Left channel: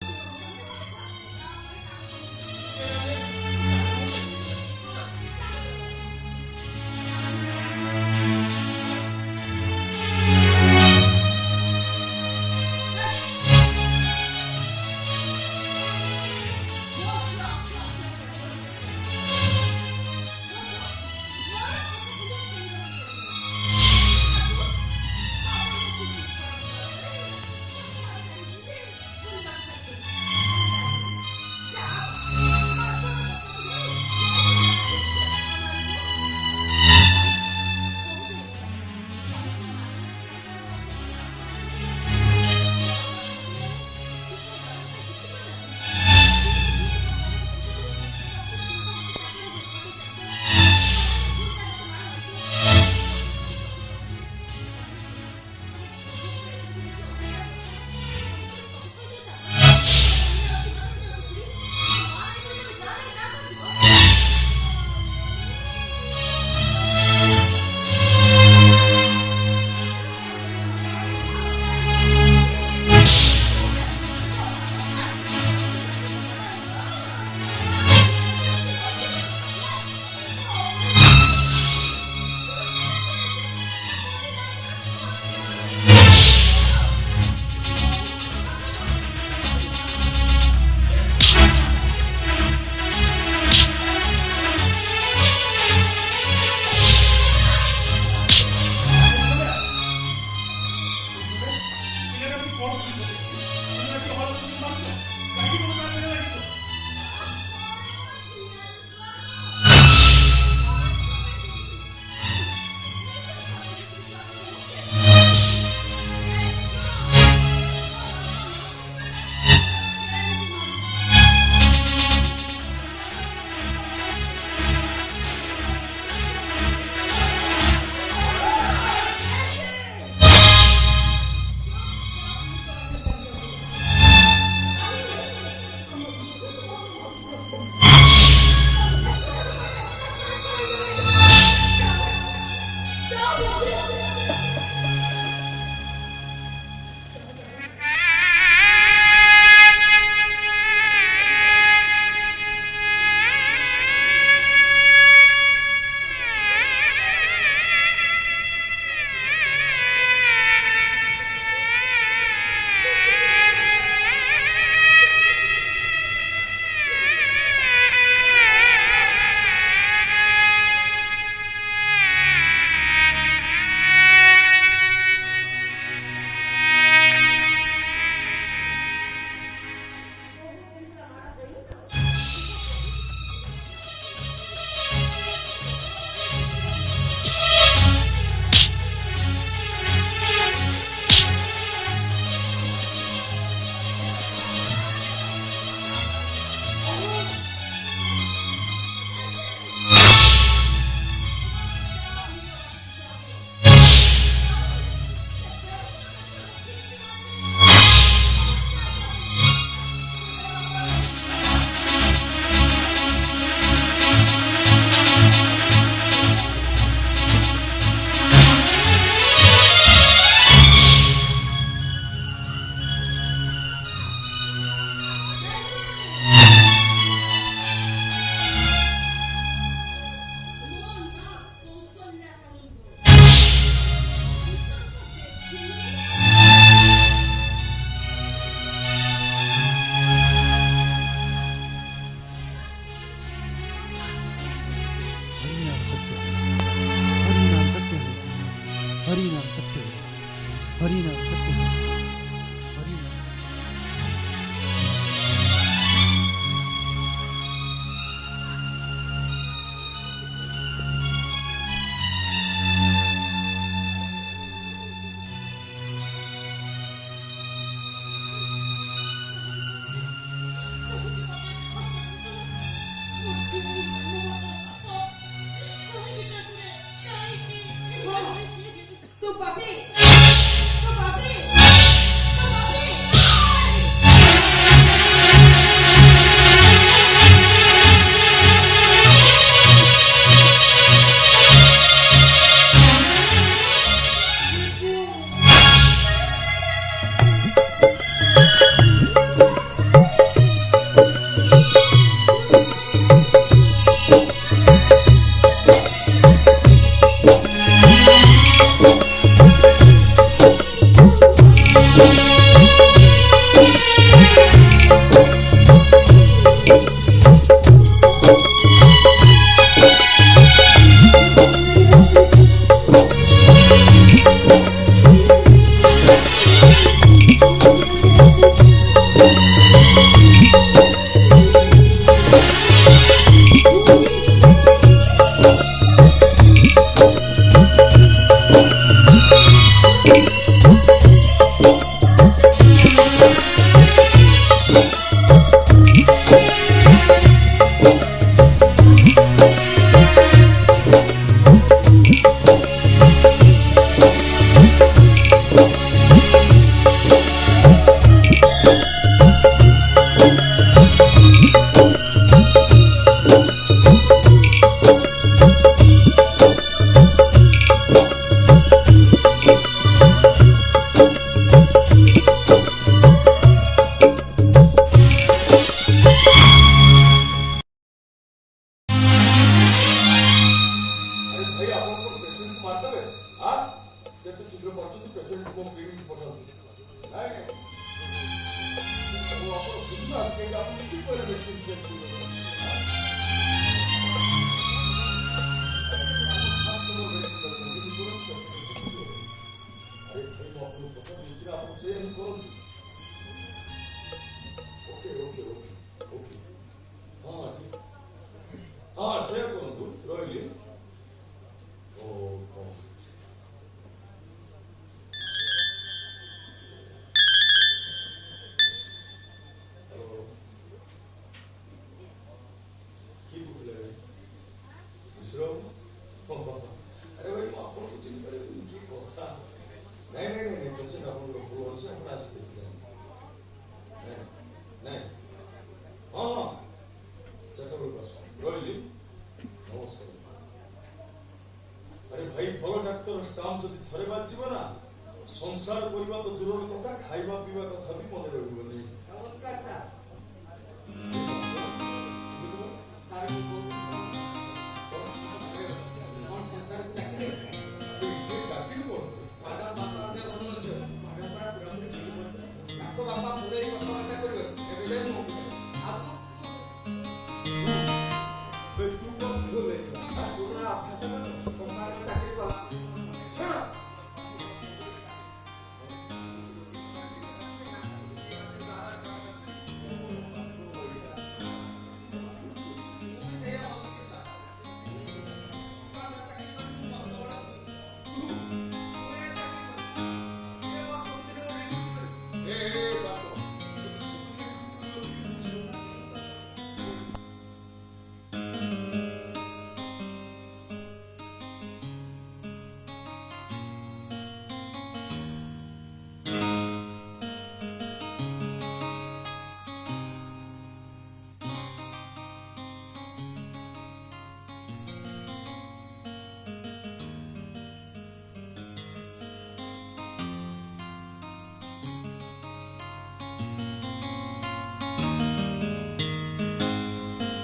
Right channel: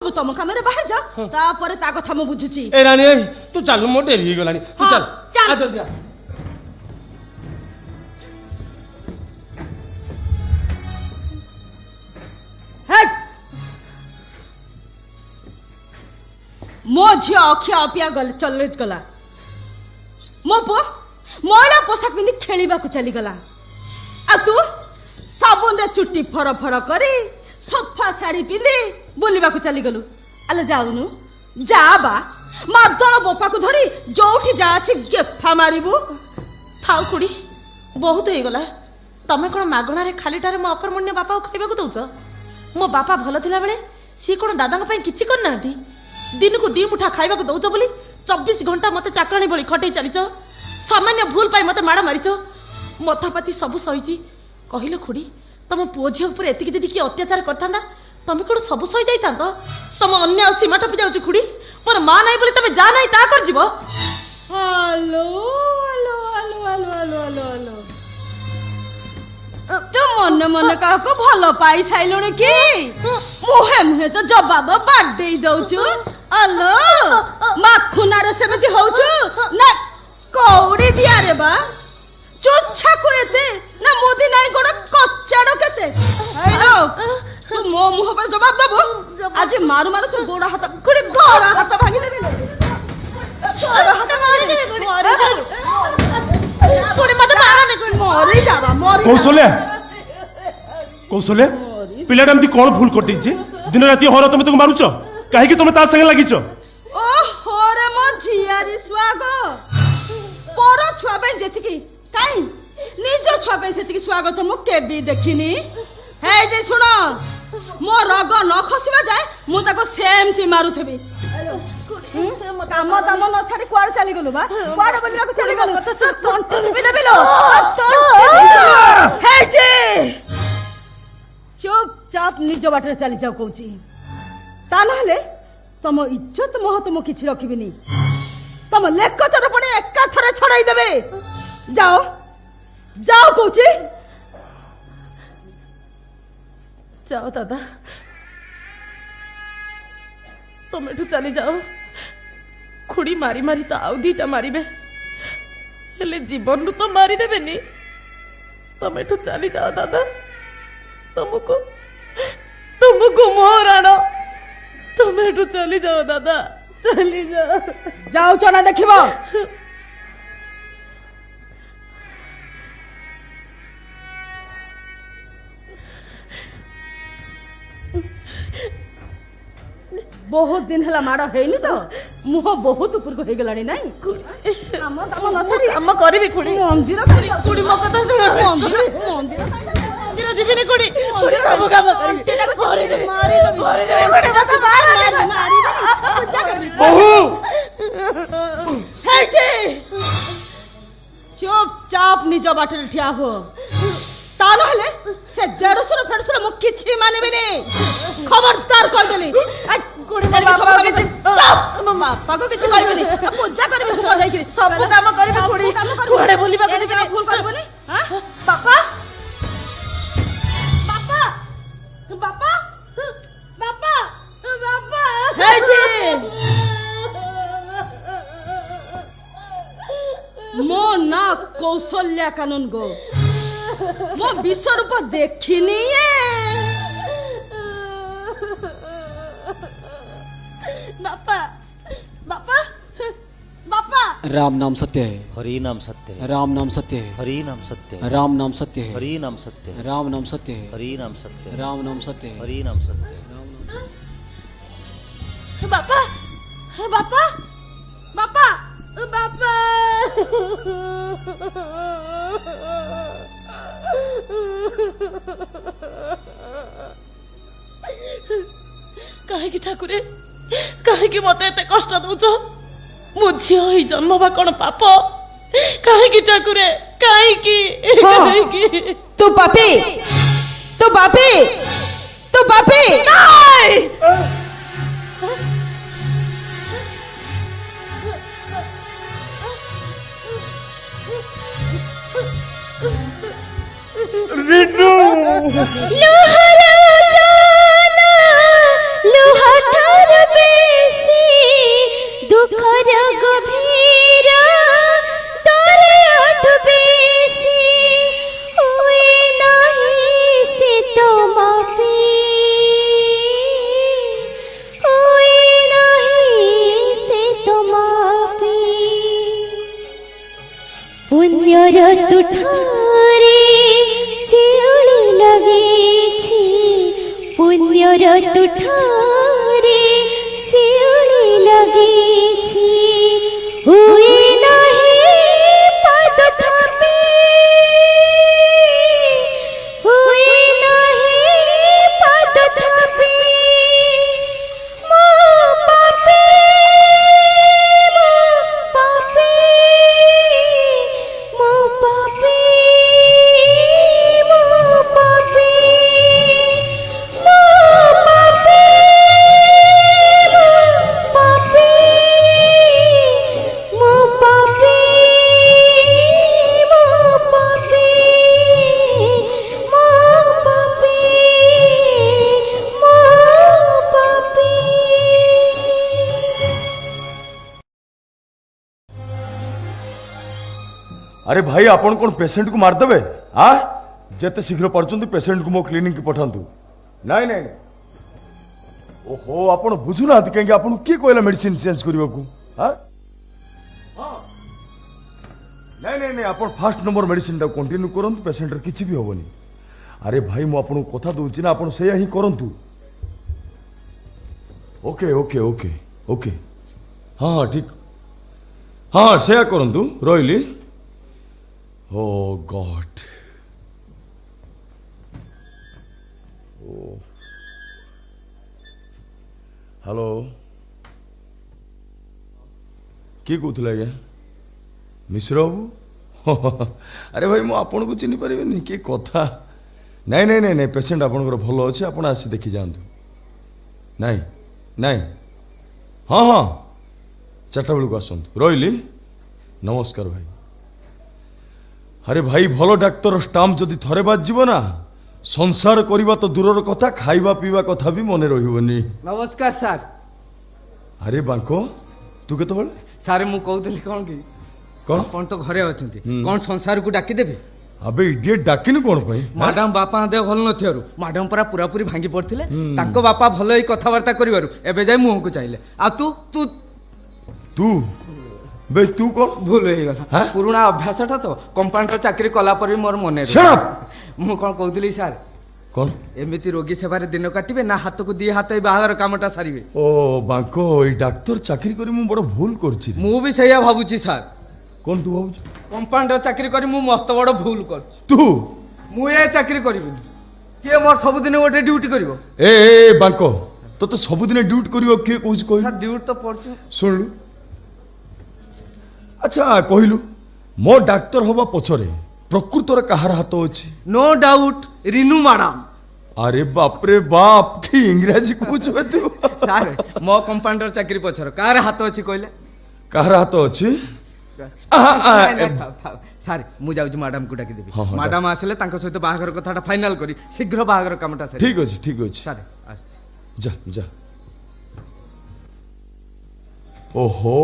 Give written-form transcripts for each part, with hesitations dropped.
तुम कामरे बाहर जा तापर ता कथा मु बुझुची। ए रानी तू चल मो देरी हो गलानी तू चल चल। आ जल्दी आ। मो झिया अखिया अपिया गल चले गला मो पो महिला पोशाक पिंधि खेलिबा को चली गला आ तू साबुन रे चुट्टी फर फर करी सफा साड़ी पिंधि बुलिबा को चली गलु। आलो जाउनु जा बा मादल बोपा को धरी जोठी जा अछि गेफा मारिबु। खाओ खुड़ी बहुत हो गला तमे कोन मागणा रे खालीटारे मो अकर्मण्य बापा को खाइबा को दउछ। मो बापा भलो थिला बेले सी कोन दादा को पई किछि कर नांती दिन को दी मुठा खाइबा को दउछ बोली 24 घंटा मते चाकरानी बोली खटै चलिछ। सामान्य भूल पाई मते माडा मारिछ मथापाती सब सहिची कहिलो खुड़ी तम पुओ झियो ऊपर एतिकी जदि कि अत्याचार करथांदा तमे कोन सब सही जाइता तो तम अन्य सीमा टपि जाउछ खुड़ी पर मां नाही बोली तमे जा नाही ता कर जीवो। हेलो हेलो हेलो तो मन मन का को भलो पाई साइलो की मुहे मुहे तो जवाब बाडे दउछु। अलो माखुना रे सेमति होउछु ना कौड़ी दिया रे बा चोच्छा को एते ना मोदी नाही गोड़ कच्चाडो केते। हेलो तू मो मुह पर जवाब दबो आज मारू मारू तू गोड़ा हाथ खुड़ी गोड़ा हाथ भांगी देबे ना गोड़ा हाथ मारी देबे खुड़ी मत मारो ने मरी जावा मरी कौशल्या कौशल्या पिलाटा एमती कोन भूल कटै जे दिन राति हर तुम तक मारुछ काहे कि तुम ता संगे लागिछ। ओ होरे मो झियारी स्वागो पर छुआ पे जेतिकी काई निज छुआ पे जेतिकी स्वागत मु केबी देखिनी। हे जे सुनो मो रग न खसिबा जाय मु ताको सेमती मारुथबी। तम तम न छाड़ी कुआड़ चली गलु बा कुआड़ बलिया को चली गलु तो सब टंटी चिपी देबे लो हे जे चुपचाप निज बाटरे चली जाओ कहूची ता नहले तम इज्जत महत्व मु किछि रखिबिनी तम लेक्चर पड़े एका थरे छड़ाई देबे। जाओ जाओ कहूची जाओ दादा तुम भी चली जाओ खुड़ी मारी मारी तो आउ दीटा मारिबे हेले जीवन को मारी देबेनी तुम एठू चली जाओ दादा तुमको मोहराणा तुम एठू चली जाओ दादा चली जाओ। जाओ चला देखिबो बहुत दिन हला माड़ हेनी तो मुह बहुत ऊपर को हे गलानी नाही काम काम न सरी काम करबी खुड़ी मंदिर खुड़ी मो कथा सुन मंदिर जीविनी खुड़ी सब काम करी मारी मत मारी बहू हे जे चुपचाप निज बाटरे ठिया हो ता नहले से 150 फेरसर मु किछि मानबेनी खबरदार कह देली गुडी में बाबा चुप मम्मा बाबा किछि मारबेनी पूजा करबे बोलै सब काम करबे गुडी घरे बोलिबा करी का फूल करबे हां बाबा बाबा बाबा बाबा हे जी मो ना कौशल्या कानून गो मो विश्व रूप देखिनी बापा बापा बापा राम नाम सत्य है हरि नाम सत्य है राम नाम सत्य है हरि नाम सत्य है राम नाम सत्य है हरि नाम सत्य है राम नाम सत्य है हरि नाम सत्य है राम नाम सत्य है हरि नाम सत्य है बापा बापा बापा बापा କାହିଁକି ଠାକୁରେ କାହିଁକି ମତେ ଏତେ କଷ୍ଟ ଦଉଛ? ମୁଁ ଝିଅ ହେଇ ଜନ୍ମ ବା କଣ ପାପ? କାହିଁକି ଠାକୁରେ କାହିଁକି? କାହିଁକି? ତୁ ପାପୀ, ତୁ ପାପୀ, ତୁ ପାପୀ। अरे भाई आपण कौन पेशेंट को मारदेवे आ जेते शीघ्र पार्चंती पेशेंट को मो क्लिनिक की पठांतु नाई नाई ओहो आपण बुझुना कहीं आपण की कहला मेडिसिन चेंज करबा को हां नहीं नहीं नहीं आपण फर्स्ट नंबर मेडिसिन दा कंटिन्यू करन पेशेंट र किछि भी होबनी अरे भाई मु आपण कथा दोछि ना आपण सेया ही करंतु ओके ओके ओके ओके हां हां ठीक हां सेया करंतु रोइली Oh God. हेलो किए कहूला आज्ञा मिश्र बाबू अरे भाई मु आपन को चिन्ह पारे किए कथा नाई नाई नाई नाई पेशेंट आपंकर भल अच्छे आप आसी देखी जातु नाई नाई हाँ हाँ 4टा बेलू आसतु रही नमस्कार भाई अरे भाई भल डाक्तर स्टाम्प जदि थरे बाजिब ना संसार करवा तो दूर कथा खाइबा पीवा कथा भी मन रही नमस्कार सार अरे बांको तू के सारे मु कहूली कौन कि कौन कौन तो घरे अच्छे कौन संसार को डाकी देबे अबे इडियट डाकिन कौन पई मैडम बापा देह भल नथियारु मैडम पूरा पूरा पूरी भांगी पड़थिले ताको बापा भल ही कथावार्ता करिवारु एबे जाय मुंह को चाहिले आ तू तू तू बे तू को भूल हो गला पुराना अभ्यासटा तो कंपाउंडर चाकरी कला पर मोर मने शट अप मु कोन कहउतली सार कौन एमिति रोगी सेवारे दिन काटिबे ना हाथ को दी हाथ बाहर कामटा सारिबे ओ बांको ई डाक्टर चाकरी करी मु बड़ भूल करछि मु भी सैया भाबुची सार कौन तू कंपाउंडर चाकरी करी मु मस्त बड़ भूल कर तू मु ए चाकरी करिबे के मोर सब दिन ओटे ड्यूटी करिवो ए बांको तो सब दिन ड्यूटी करिवो के कहूछ कहि सर ड्यूटी तो पड़छ सुन अच्छा कहलु मो डाक्टर हवा पछरे प्रकृतर कहार हाथ अछि नो डाउट रिनू मैडम अरे बाप रे बाप की इंग्रजी कुछ तू सर मो कंपाउंडर चाकरी पछर कार हाथ अछि कहले कहार हाथ अछि सर मु जाउछ मैडम को डाकी देबी हाँ, मैडम आसले तांको सहित बाहागर कथाटा फाइनल करी शीघ्र बाहागर कामटा सरी ठीक अछि सर जा जा ओहो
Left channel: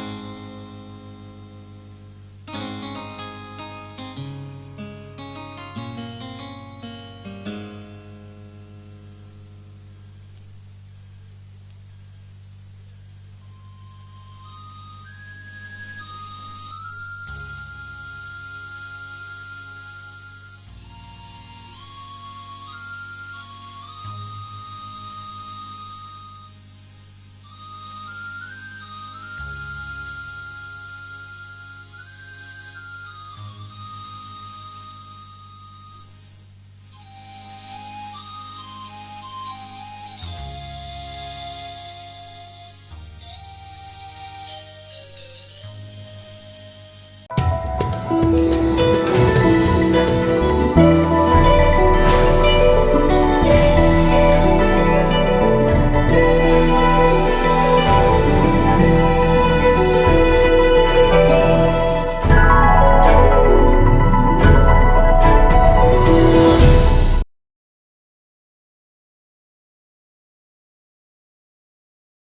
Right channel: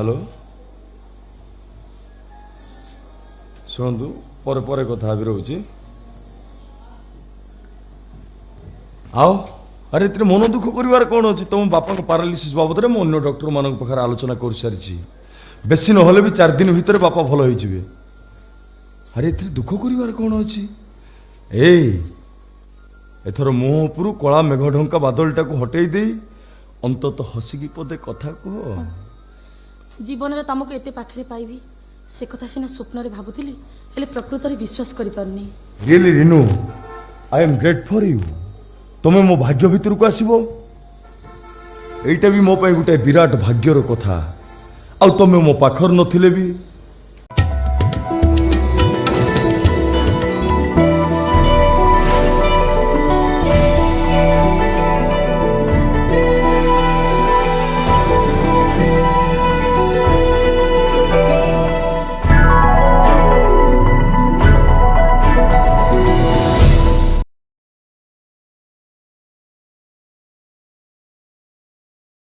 हेलो शुणु पर पर कथा भी रोचे आओ अरे इतने मन दुख कर कौन अच्छे तुम बापा पारालिसिस बाबद में अन्य डॉक्टर मान पाखे आलोचना कर सारी बेसी ना भी 4 दिन भितर बापा भल हो अरे इतने दुख कर कौन अच्छी एथर मुह उपर कला मेघ ढंका बादलटा को हटई दे अंतत हसिकी पदे कथा कह ଜୀବନରେ ତମକୁ ଏତେ ପାଖରେ ପାଇବି ସେ କଥା ସିନା ସ୍ୱପ୍ନରେ ଭାବୁଥିଲି ହେଲେ ପ୍ରକୃତରେ ବିଶ୍ୱାସ କରିପାରୁନି। Really Rinu I am great for you. ତମେ ମୋ ଭାଗ୍ୟ ଭିତରକୁ ଆସିବ ଏଇଟା ବି ମୋ ପାଇଁ ଗୋଟେ ବିରାଟ ଭାଗ୍ୟର କଥା। ଆଉ ତମେ ମୋ ପାଖରେ ନଥିଲେ ବି